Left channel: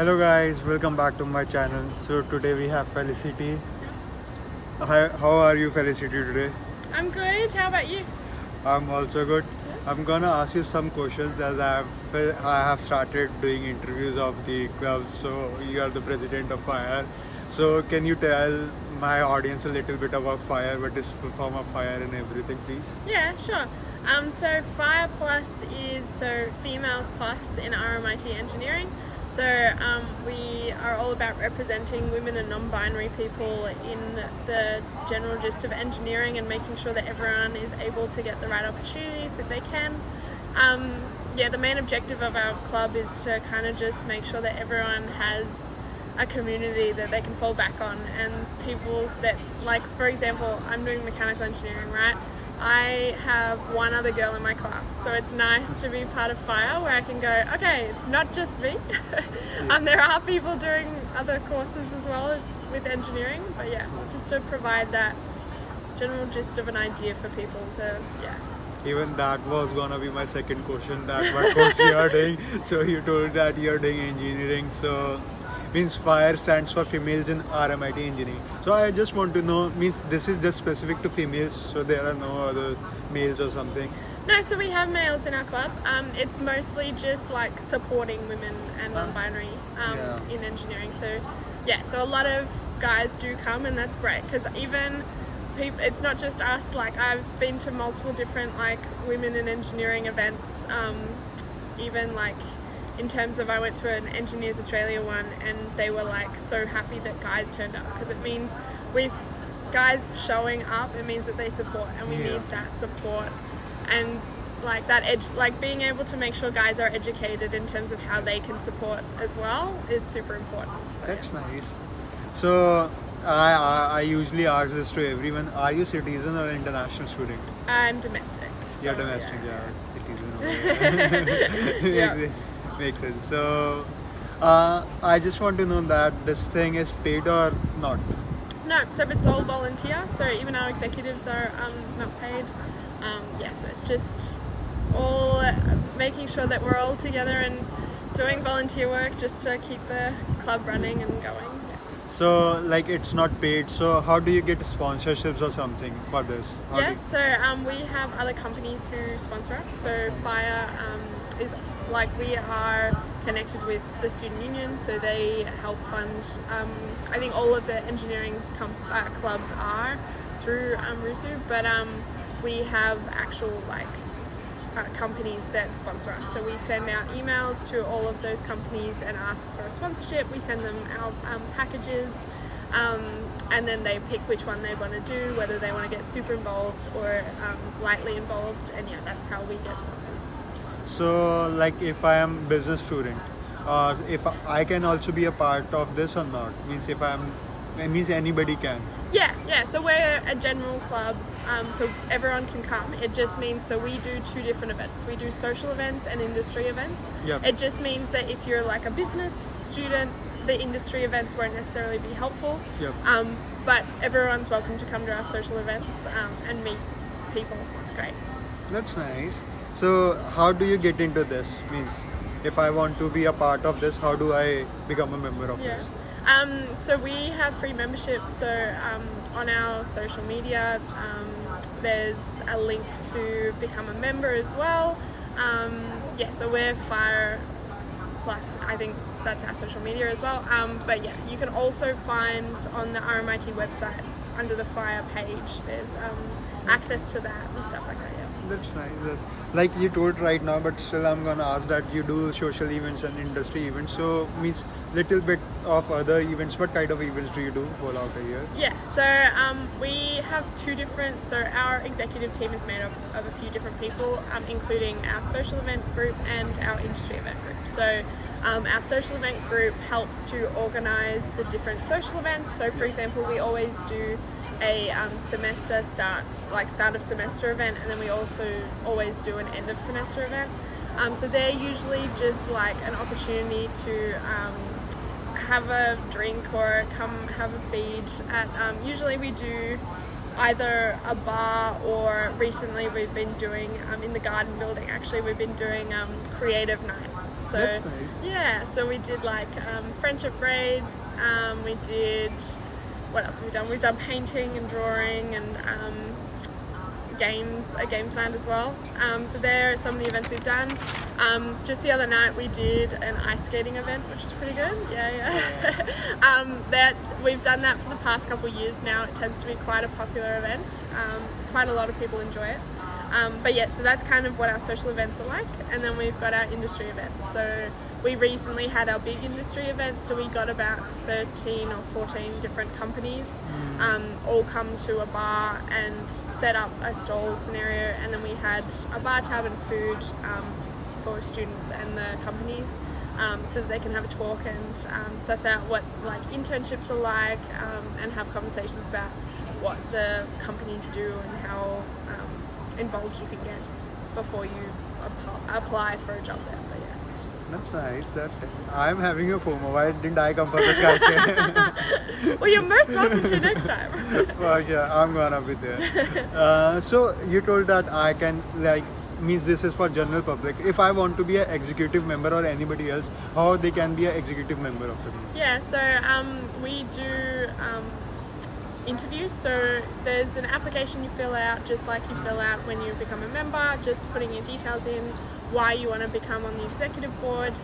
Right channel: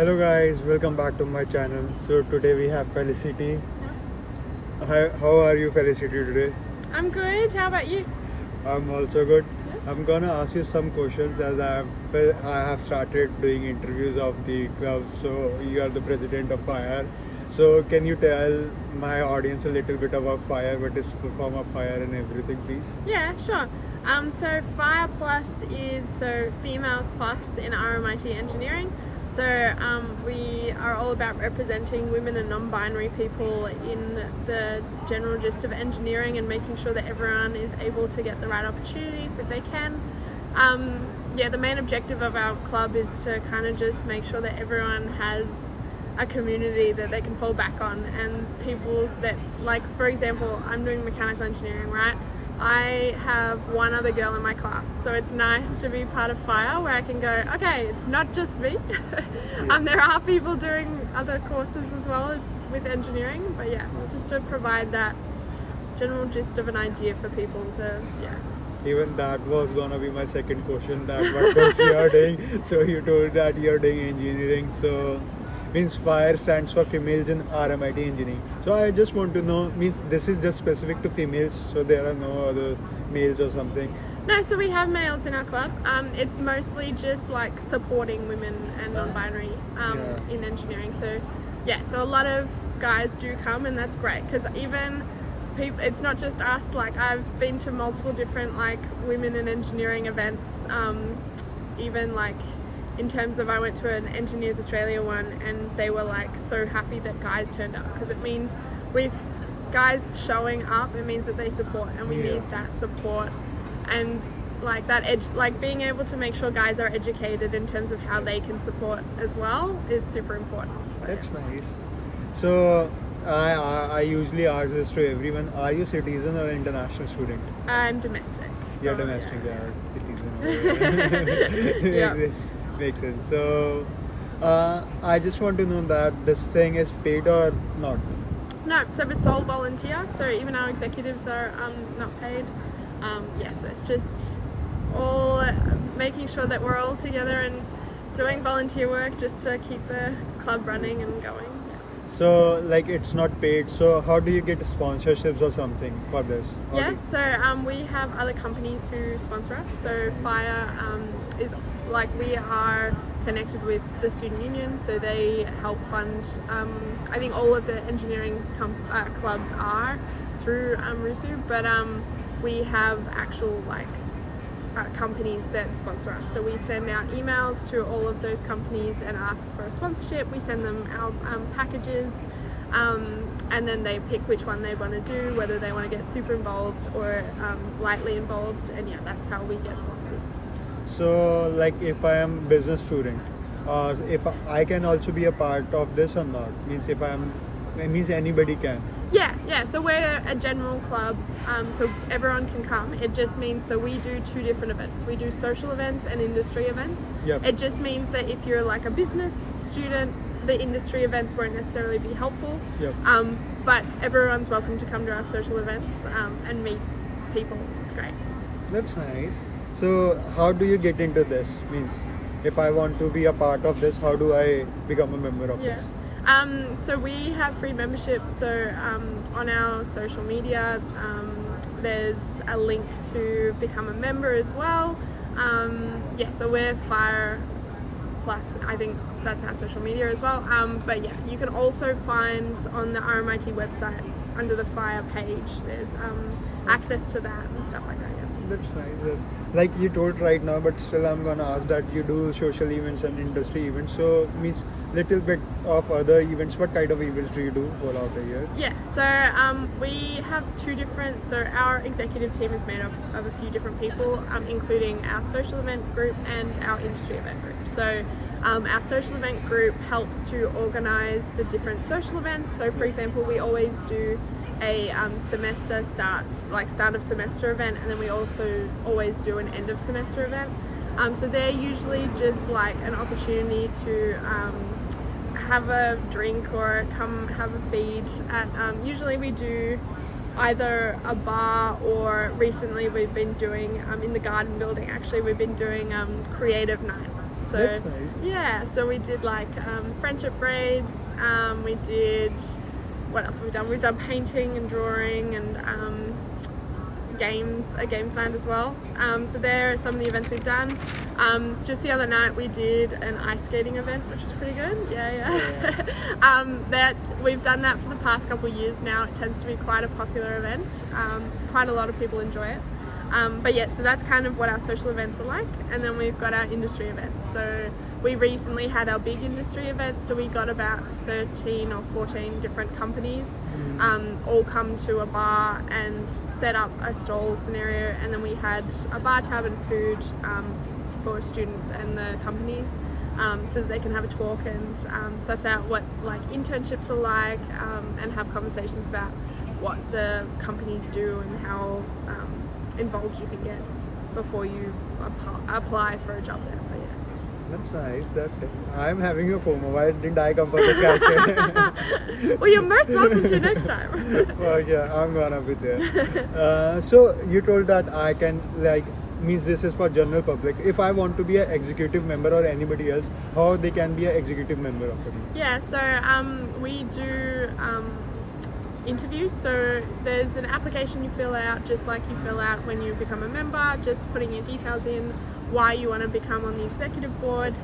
Hello guys, welcome back to my channel. So today we have Felicity. How are you, Felicity, today? I'm good. How about you? I'm also good. Yeah. I'm gonna ask you some questions as I have started doing interviews of the club. So you are the president of Fire. So can you tell my audience a little bit about Fire, what is the form of Fire and everything, please? Yeah, sure. So Fire Plus is females plus in RMIT engineering. We are all about representing women and non-binary people in the general gist of engineering and making sure that everyone is able to get the right opportunities that they can. The main objective of our club is to kind of just make sure that everyone has a community that they can fall back on, and people that, like, for example, I'm doing mechanical engineering, right? I have one other girl in my class, so it's nice to be part of Fire where I can go, okay, it's not just me. There are people doing other courses as well as with engineering, but yeah, just to provide that general gist of an idea for people to, Even that was gonna be my second question. That what course you are doing? So you told that you are doing engineering. So means Fire stands for females in RMIT engineering. So I just want to know, means this is just specific to females. So there are no other males or something. No, so we have males in our club. It's mostly just like supporting women and non-binary in engineering. So yeah, so a lot of guys do come, and that's great because even people, it's not just us. Like, I've been to multiple different like women in engineering events. Even like in terms of, I went to an Engineers Australia one, and they were like so happy that guys turned up, because it means with guys showing up, it means that they support, and we need that support. And like that like being able to make sure guys are educated in terms of how they can support as well is super important. So that's nice. So I usually ask this to everyone: are you citizen or international student? I'm domestic. You're so, domestic, yeah. citizen. Yeah. Makes sense. So I just want to know that this thing is paid or not. No, so it's all volunteer. So even our executives are not paid. So it's just all making sure that we're all together and doing volunteer work just to keep the club running and going. Yeah. So like it's not paid. So how do you get sponsorships or something for this? We have other companies who sponsor us. So Fire is like, we are connected with the student union, so they help fund. I think all of the engineering clubs are through RUSU, but we have actual companies that sponsor us. So we send out emails to all of those companies and ask for a sponsorship. We send them our packages, and then they pick which one they want to do, whether they want to get super involved or lightly involved, and that's how we get sponsors. So like if I am business student, if I can also be a part of this or not? It means anybody can. Yeah. So we're a general club, so everyone can come. It just means, so we do two different events. We do social events and industry events. Yep. It just means that if you're like a business student, the industry events won't necessarily be helpful. Yep. But everyone's welcome to come to our social events and meet people. It's great. That's nice. So how do you get into this? Means if I want to be a part of this, how do I become a member of this? So we have free memberships. So on our social media, there's a link to become a member as well. So we're Fire Plus, I think that's our social media as well. But yeah, you can also find on the RMIT website under the Fire page, there's access to that and stuff like that. Yeah. That's nice. Yes. Like you told right now, but still I'm gonna ask that you do social events and industry events. So means little bit of other events. What kind of events do you do all out a year? Yeah, so we have two different, so our executive team is made up of a few different people, including our social event group and our industry event group. So our social event group helps to organize the different social events. So for example, we always do a semester start of semester event, and then we also always do an end of semester event. So they're usually just like an opportunity to have a drink or come have a feed at, usually we do either a bar, or recently we've been doing in the garden building, actually we've been doing creative nights. So That's nice. yeah, so we did like friendship braids, we did, what else have we done? We've done painting and drawing and a games night as well. So there are some of the events we've done. Just the other night we did an ice skating event, which was pretty good. Yeah. That we've done that for the past couple of years now. It tends to be quite a popular event. Quite a lot of people enjoy it. But yeah, so that's kind of what our social events are like. And then we've got our industry events. So we recently had our big industry event, so we got about 13 or 14 different companies all come to a bar and set up a stall scenario, and then we had a bar tab and food for students and the companies, so that they can have a talk and suss out what like internships are like, and have conversations about what the companies do and how involved you can get before you apply for a job there. But yeah. That's nice. That's it. I'm having a FOMO. Why didn't I come for this concert? Well, you're most welcome to next time. Well, yeah, I'm gonna be there. So you told that I can like means this is for general public. If I want to be an executive member or anybody else, how they can be an executive member of the group? Yeah. So we do interviews. So there's an application you fill out, just like you fill out when you become a member, just putting your details in, why you want to become on the executive board.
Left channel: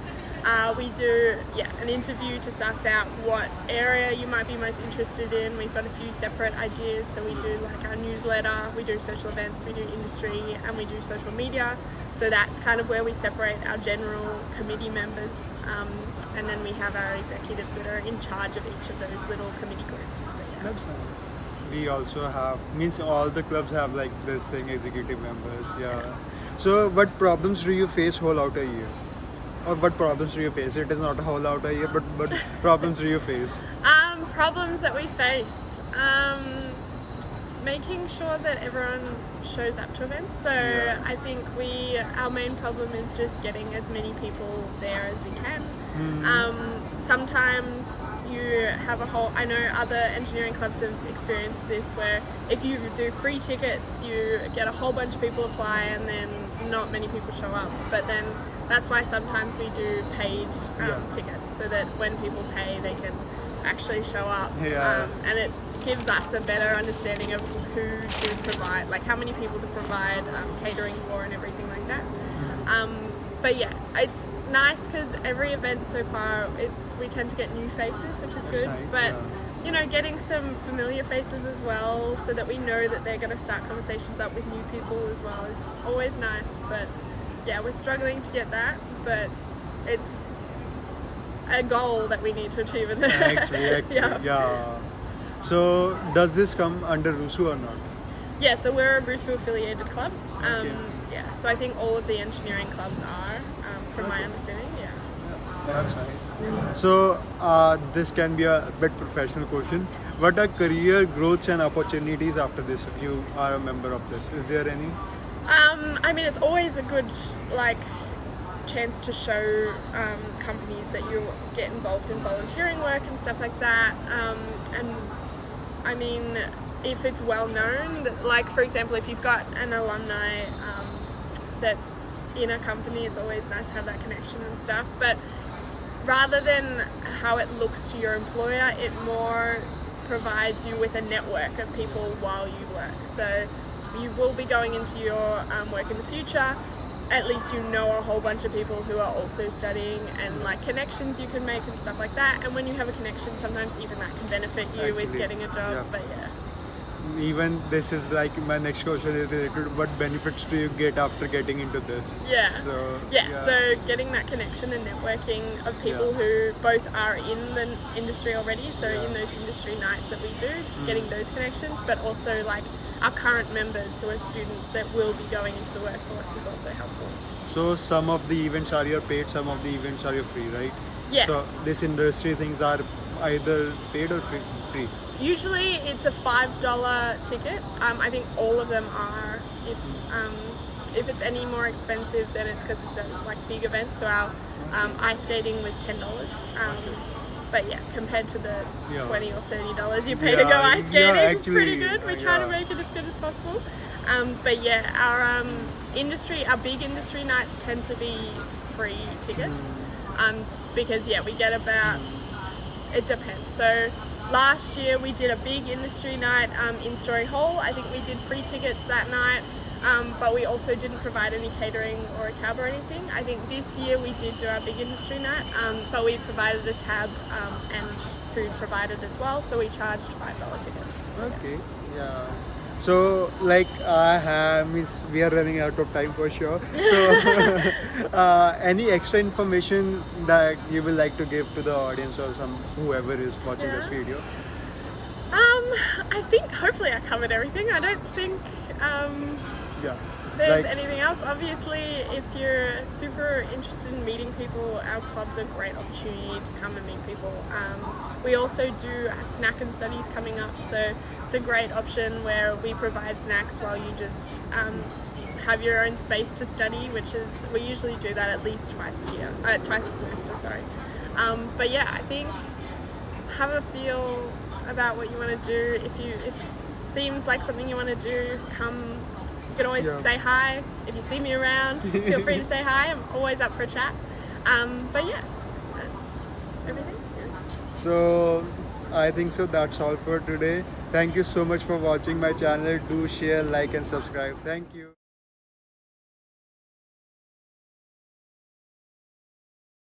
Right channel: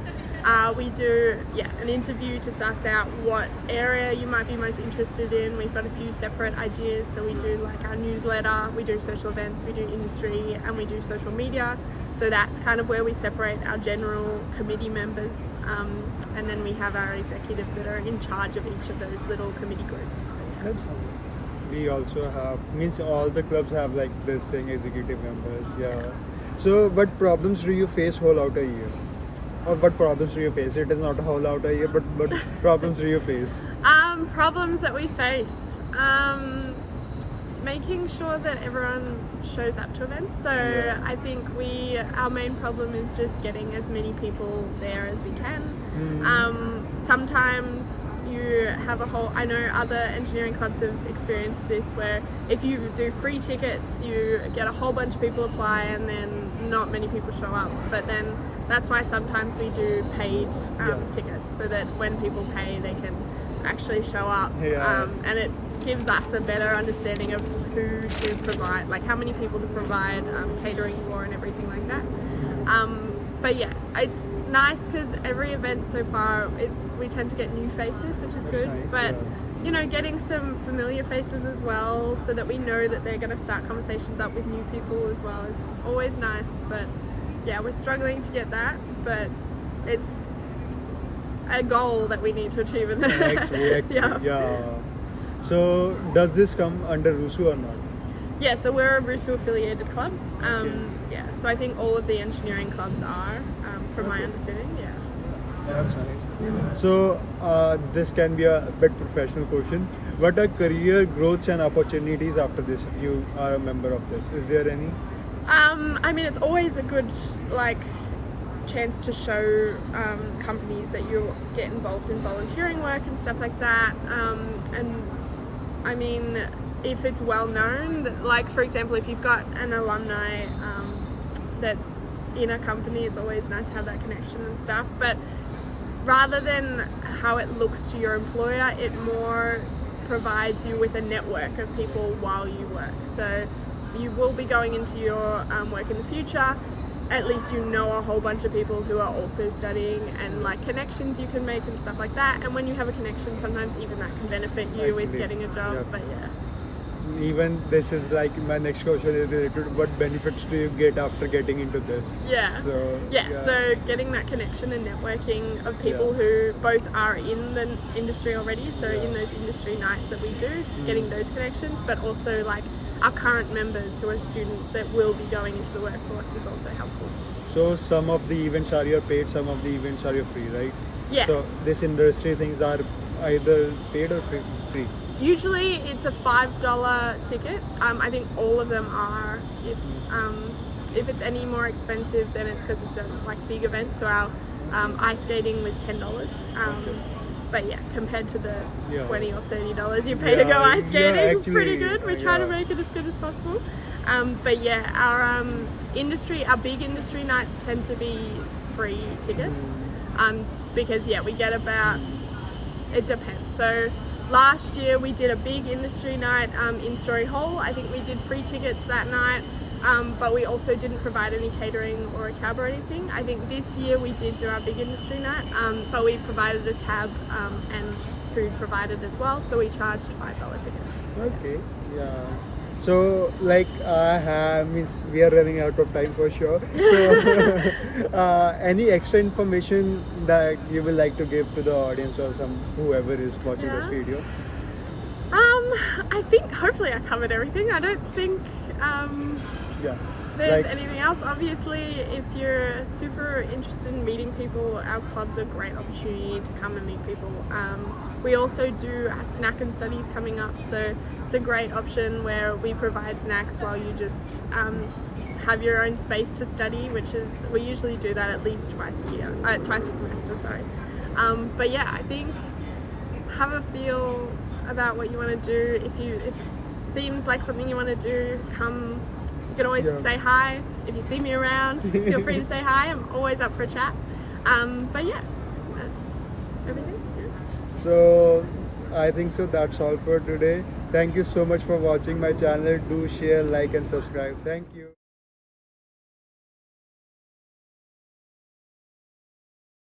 We do an interview to suss out what area you might be most interested in. We've got a few separate ideas, so we do like our newsletter, we do social events, we do industry, and we do social media. So that's kind of where we separate our general committee members, and then we have our executives that are in charge of each of those little committee groups. That's nice. We also have, means all the clubs have like this thing, executive members. Yeah. So what problems do you face whole out a year? Or what problems do you face? It is not a whole out a year, but what problems do you face? Problems that we face. Making sure that everyone shows up to events. So I think our main problem is just getting as many people there as we can. Sometimes you have I know other engineering clubs have experienced this, where if you do free tickets, you get a whole bunch of people apply and then not many people show up. But then that's why sometimes we do paid tickets, so that when people pay, they can actually show up. And it gives us a better understanding of who to provide, like how many people to provide catering for and everything like that. But yeah, it's nice because every event so far we tend to get new faces, which is good. Nice, but you know, getting some familiar faces as well, so that we know that they're going to start conversations up with new people as well, is always nice. But yeah, we're struggling to get that, but it's a goal that we need to achieve in Actually, yeah. So does this come under RUSU or not? Yeah, so we're a RUSU affiliated club. So I think all of the engineering clubs are, from my understanding. Yeah. That's nice. So this can be a bit professional question. What are career growths and opportunities after this? If you are a member of this, is there any? I mean, it's always a good chance to show companies that you get involved in volunteering work and stuff like that. And I mean, if it's well known, like for example, if you've got an alumni that's in a company, it's always nice to have that connection and stuff. But rather than how it looks to your employer, it more provides you with a network of people while you work. So you will be going into your work in the future. At least you know a whole bunch of people who are also studying, and like connections you can make and stuff like that. And when you have a connection, sometimes even that can benefit you with getting a job. But yeah. Even this is like my next question is related to what benefits do you get after getting into this? So getting that connection and networking of people who both are in the industry already, so in those industry nights that we do, getting those connections, but also like our current members who are students that will be going into the workforce is also helpful. So some of the events are your paid, some of the events are your free, right? Yeah. So this industry things are either paid or free? Usually it's a $5 ticket. I think all of them are. If it's any more expensive, then it's because it's a like big event. So our ice skating was $10. But yeah, compared to the Yeah. $20 or $30 you pay to go Yeah, ice skating, yeah, actually, pretty good. We try to yeah. make it as good as possible. But yeah, our big industry nights tend to be free tickets. Because yeah, we get about, it depends. So last year we did a big industry night in Story Hall. I think we did free tickets that night. But we also didn't provide any catering or a tab or anything. I think this year we did do our big industry night, but we provided a tab and food provided as well, so we charged $5 tickets. Okay, yeah. So like I have means we are running out of time for sure. So any extra information that you would like to give to the audience or some whoever is watching this Yeah. video? I think hopefully I covered everything. I don't think Yeah. there's Like anything else. Obviously, if you're super interested in meeting people, our club's a great opportunity to come and meet people. We also do snack and studies coming up, so it's a great option where we provide snacks while you just have your own space to study, which is, we usually do that at least twice a semester, sorry. But yeah, I think have a feel about what you want to do. If it seems like something you want to do, come. You can always Yeah. say hi. If you see me around, feel free to say hi. I'm always up for a chat. But yeah, that's everything. Yeah. so I think so that's all for today. Thank you so much for watching my channel. Do share, like and subscribe. Thank you.